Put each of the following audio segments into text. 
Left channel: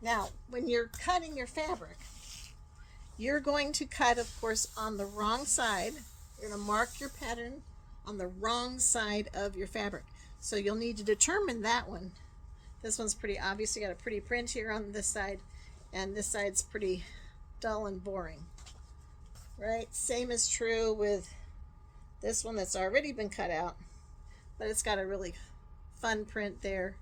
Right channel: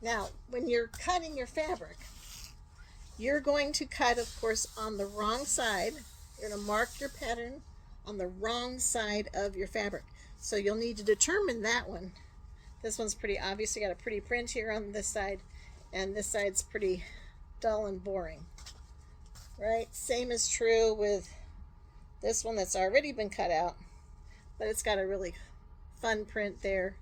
Now, when you're cutting your fabric, you're going to cut, of course, on the wrong side. You're going to mark your pattern on the wrong side of your fabric. So you'll need to determine that one. This one's pretty obvious. You got a pretty print here on this side, and this side's pretty dull and boring. Right? Same is true with this one that's already been cut out, but it's got a really fun print there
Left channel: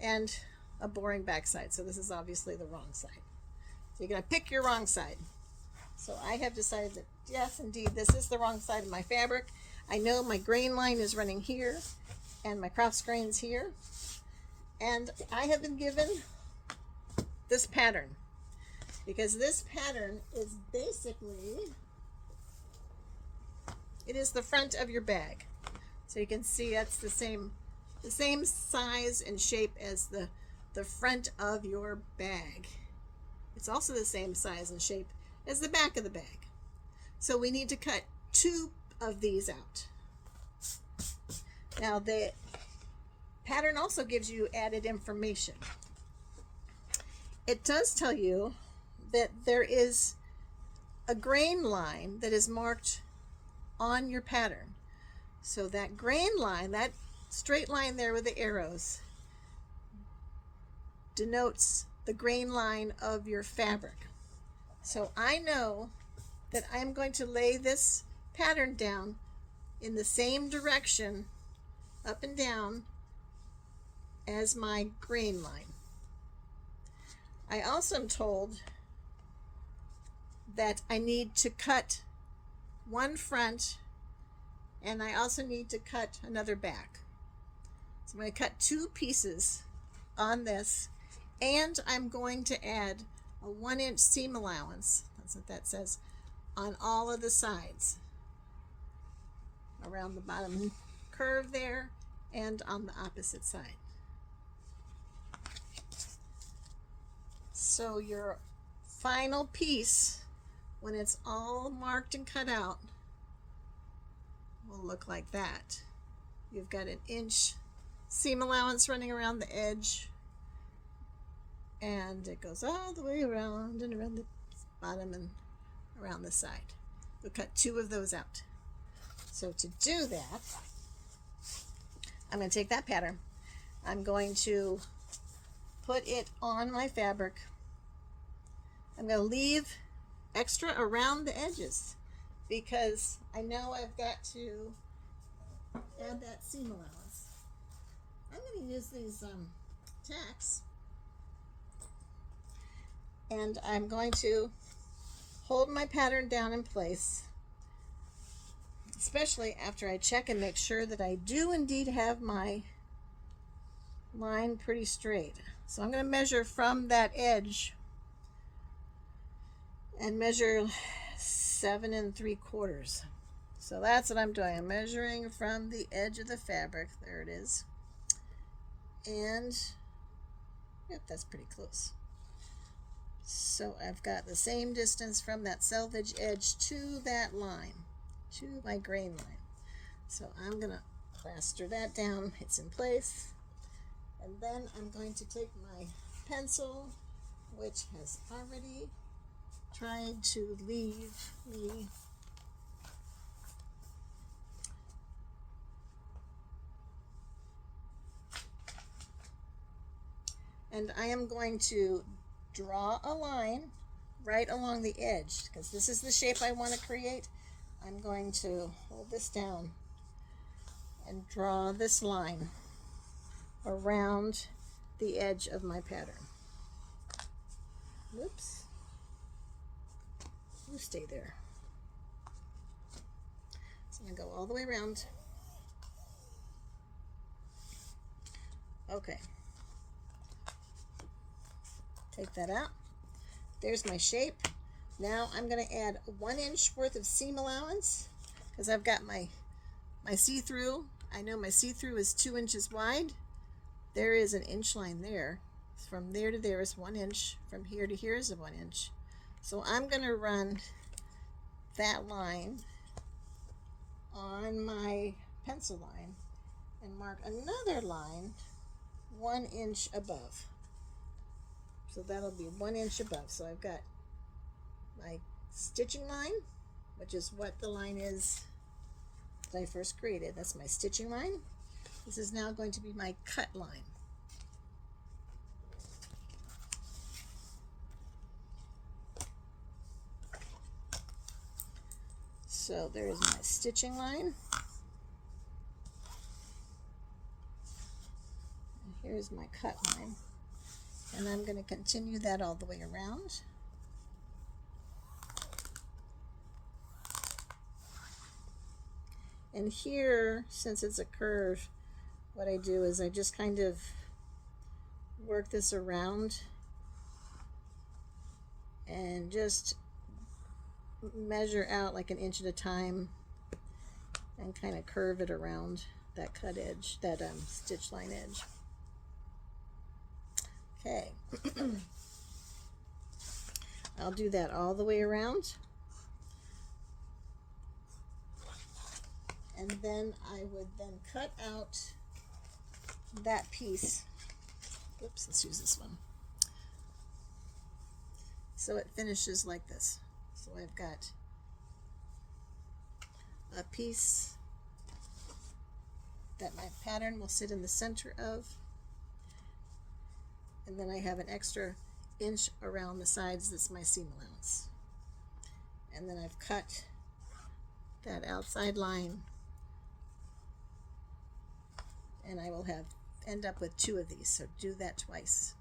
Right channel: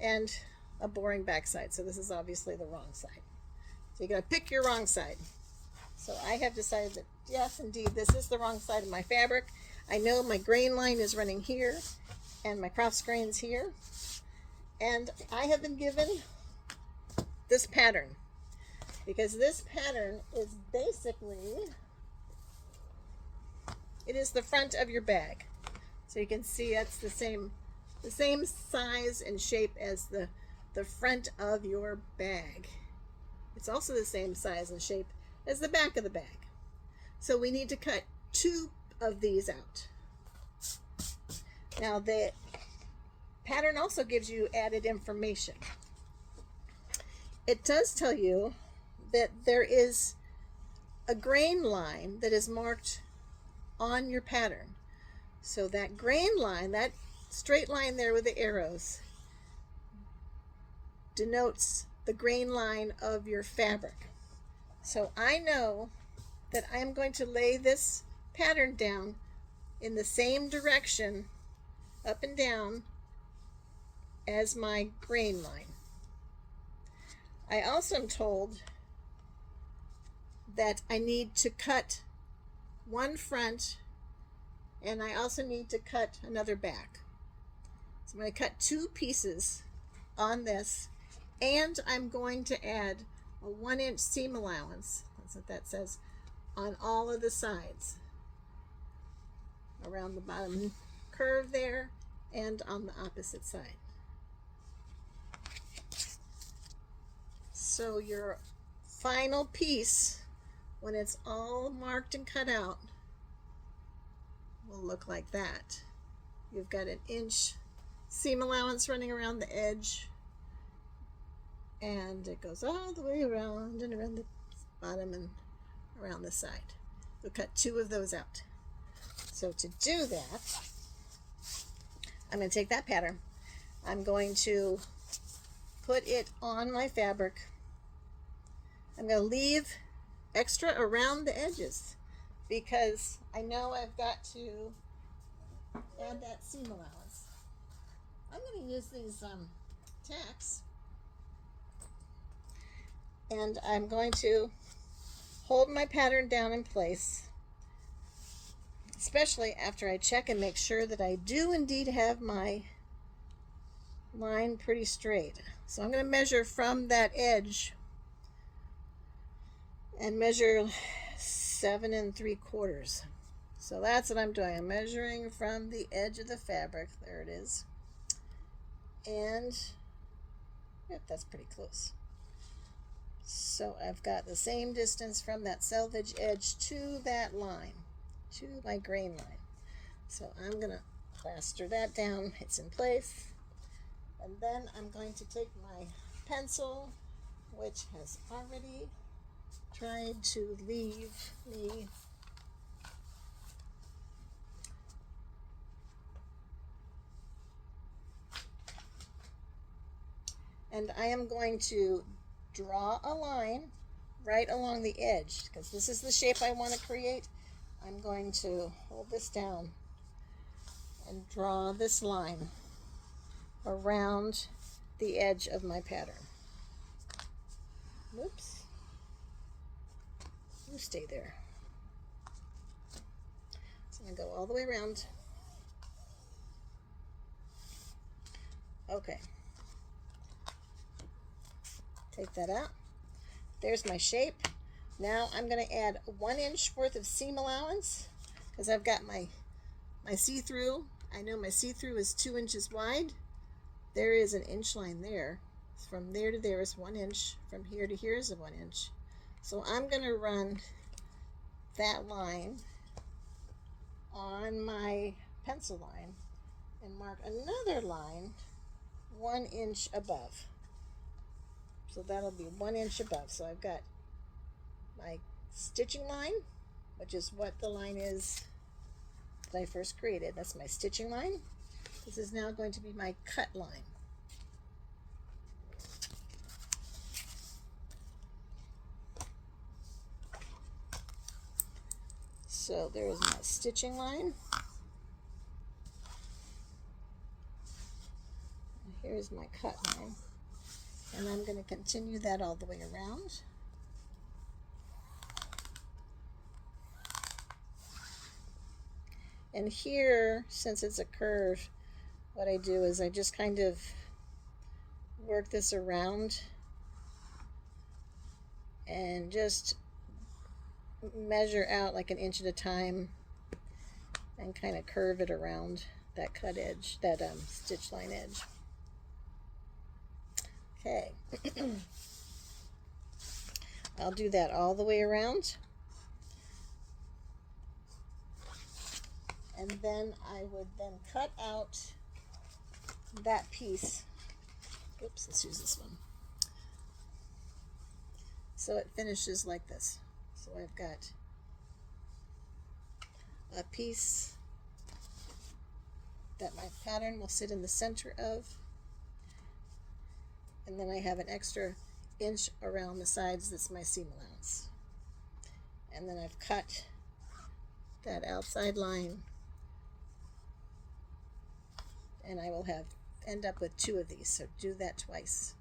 and a boring backside. So this is obviously the wrong side. So you're going to pick your wrong side. So I have decided that yes, indeed, this is the wrong side of my fabric. I know my grain line is running here and my cross grain's here. And I have been given this pattern because this pattern is basically, it is the front of your bag. So you can see that's the same size and shape as the front of your bag. It's also the same size and shape as the back of the bag. So we need to cut 2 of these out. Now the pattern also gives you added information. It does tell you that there is a grain line that is marked on your pattern. So that grain line, that straight line there with the arrows, denotes the grain line of your fabric. So I know that I'm going to lay this pattern down in the same direction, up and down, as my grain line. I also am told that I need to cut one front and I also need to cut another back. So I'm going to cut 2 pieces on this, and I'm going to add a 1-inch seam allowance, that's what that says, on all of the sides, around the bottom curve there and on the opposite side. So your final piece, when it's all marked and cut out, will look like that. You've got an inch seam allowance running around the edge, and it goes all the way around and around the bottom and around the side. We'll cut 2 of those out. So to do that, I'm going to take that pattern. I'm going to put it on my fabric. I'm going to leave extra around the edges because I know I've got to add that seam allowance. I'm going to use these tacks, and I'm going to hold my pattern down in place, especially after I check and make sure that I do indeed have my line pretty straight. So I'm going to measure from that edge and measure 7 3/4. So that's what I'm doing. I'm measuring from the edge of the fabric. There it is. And yep, that's pretty close. So I've got the same distance from that selvage edge to that line, to my grain line. So I'm going to plaster that down. It's in place. And then I'm going to take my pencil, which has already tried to leave me and I am going to draw a line right along the edge because this is the shape I want to create. I'm going to hold this down and draw this line around the edge of my pattern. Whoops. You stay there. So I'm going to go all the way around. Okay. Take that out. There's my shape. Now I'm going to add 1 inch worth of seam allowance because I've got my see-through. I know my see-through is 2 inches wide. There is an inch line there. From there to there is 1 inch. From here to here is a 1 inch. So I'm going to run that line on my pencil line and mark another line 1 inch above. So that'll be 1 inch above. So I've got my stitching line, which is what the line is that I first created. That's my stitching line. This is now going to be my cut line. So there's my stitching line. And here's my cut line. And I'm going to continue that all the way around. And here, since it's a curve, what I do is I just kind of work this around and just measure out like 1 inch at a time and kind of curve it around that cut edge, that stitch line edge. Okay. I'll do that all the way around. And then I would then cut out that piece. Oops, let's use this one. So it finishes like this. So I've got a piece that my pattern will sit in the center of, and then I have an extra inch around the sides. That's my seam allowance. And then I've cut that outside line, and I will end up with 2 of these, so do that twice.